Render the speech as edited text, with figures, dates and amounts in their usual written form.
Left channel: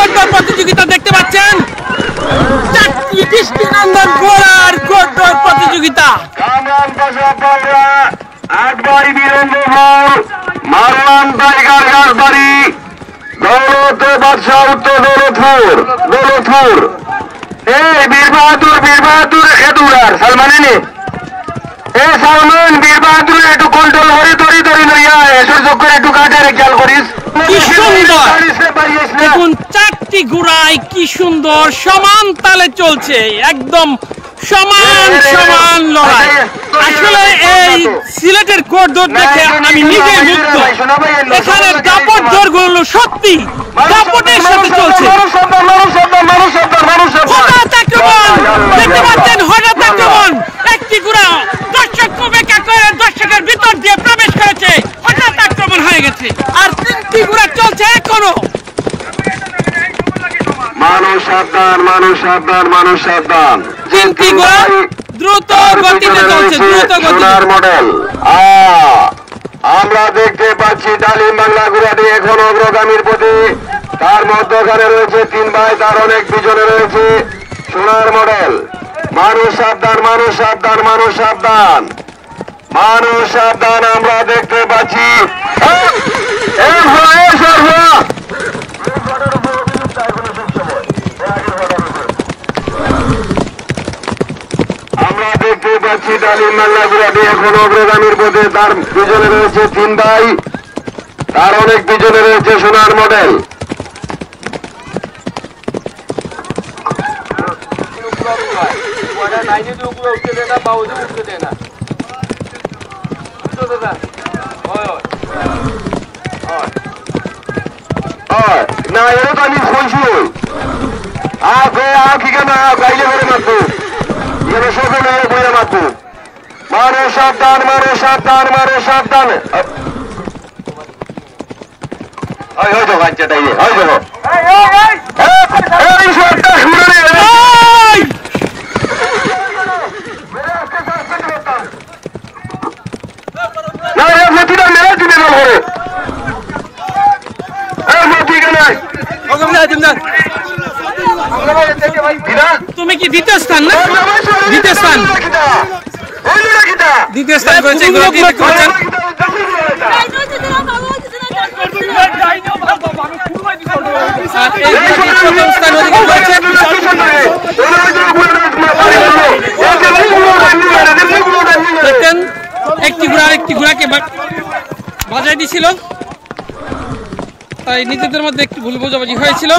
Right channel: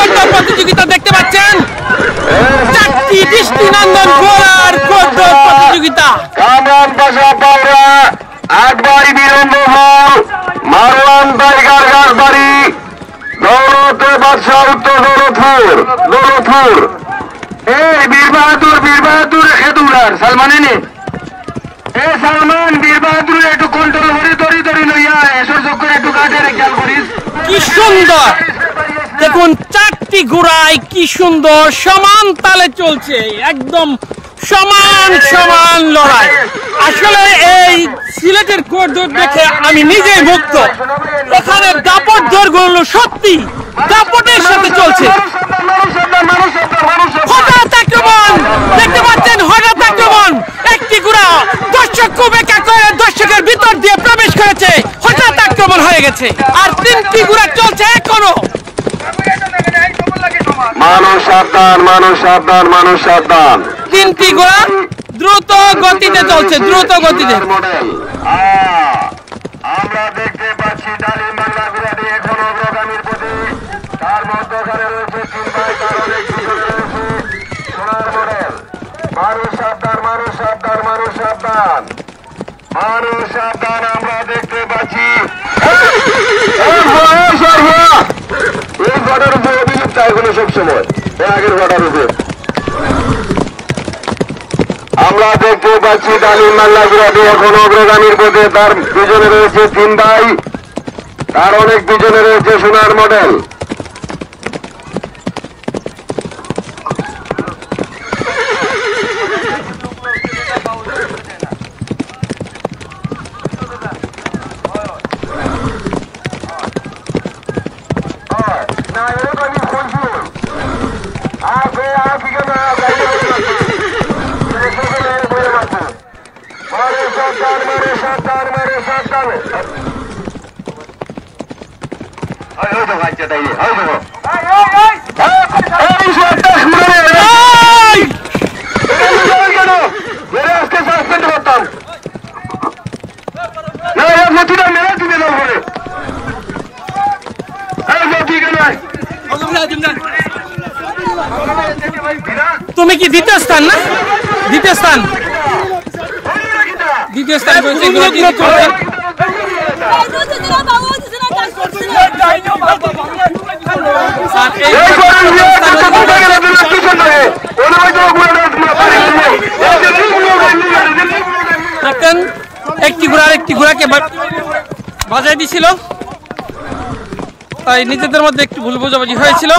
কোটদৌড় প্রতিযোগিতা দেখতে পাচ্ছেন, 4টি দৃষ্টিনন্দন ঘোড়ার কোটদৌড় প্রতিযোগিতা। বীর বাহাদুর খেদুরার সালমানিনি সালমান বীর বাহাদুর একটু কন্ট্রোল হরি ধরি লইয়া এসের চক্কর একটু কাটার খেয়াল করিস। কি সুন্দর দেখুন, 4টি ঘোড়ায় কি সুন্দর সমান তালে চলছে, একদম সমান লড়াই। আসলে এই সিলেটের কোটদৌড় দেখে আমি নিজেই মুগ্ধ। এখানে দাপট দৌড়গুলো সত্যি দাপটের সাথে চলছে। হঠাৎ আক্রমণ দেখতে পাচ্ছেন, হঠাৎ আক্রমণ, একটি ঘোড়া দর্শকের ভিতর দিয়ে প্রবেশ করেছে, হঠাৎ আক্রমণ হয়ে গেছে। আর 3টি ঘোড়া চলছে এখনো। মানুষ সাবধান 3টি ঘোড়া দ্রুত গতিতে চলছে, দ্রুত গতিতে। মডেল আমরা দেখতে পাচ্ছি ডালিম বাংলা ঘোড়াটি এখন অগ্রগামীর প্রতি। তার মধ্যখানে রয়েছে 3 ভাই, তার অনেক পিছনে রয়েছে সোনার মডেল। মানুষ সাবধান আমরা দেখতে পাচ্ছি। এই ঘটার উপর অভিযুক্ত এখনো সবসময় আগের ঘটার উপর আমরা দেখতে পাচ্ছি ডালিম বাংলা ঘোড়াটি এখন অগ্রগামীর পথে। তার পিছনে রয়েছে 3 ভাই, তার অনেক পিছনে রয়েছে সোনার মডেল। তুমি কি দ্বিতীয় স্থান না? দ্বিতীয় স্থান করেছে ঘোড়াটি করছেন। আর এই ঘোড়াটি প্রথম স্থান অধিকার করেছে। দেখেন একটি ঘোড়াকে বাজায় দিয়েছিল, তাই নিজেদের মধ্যে একটি ভুল বোঝাবুঝি হয়েছিল।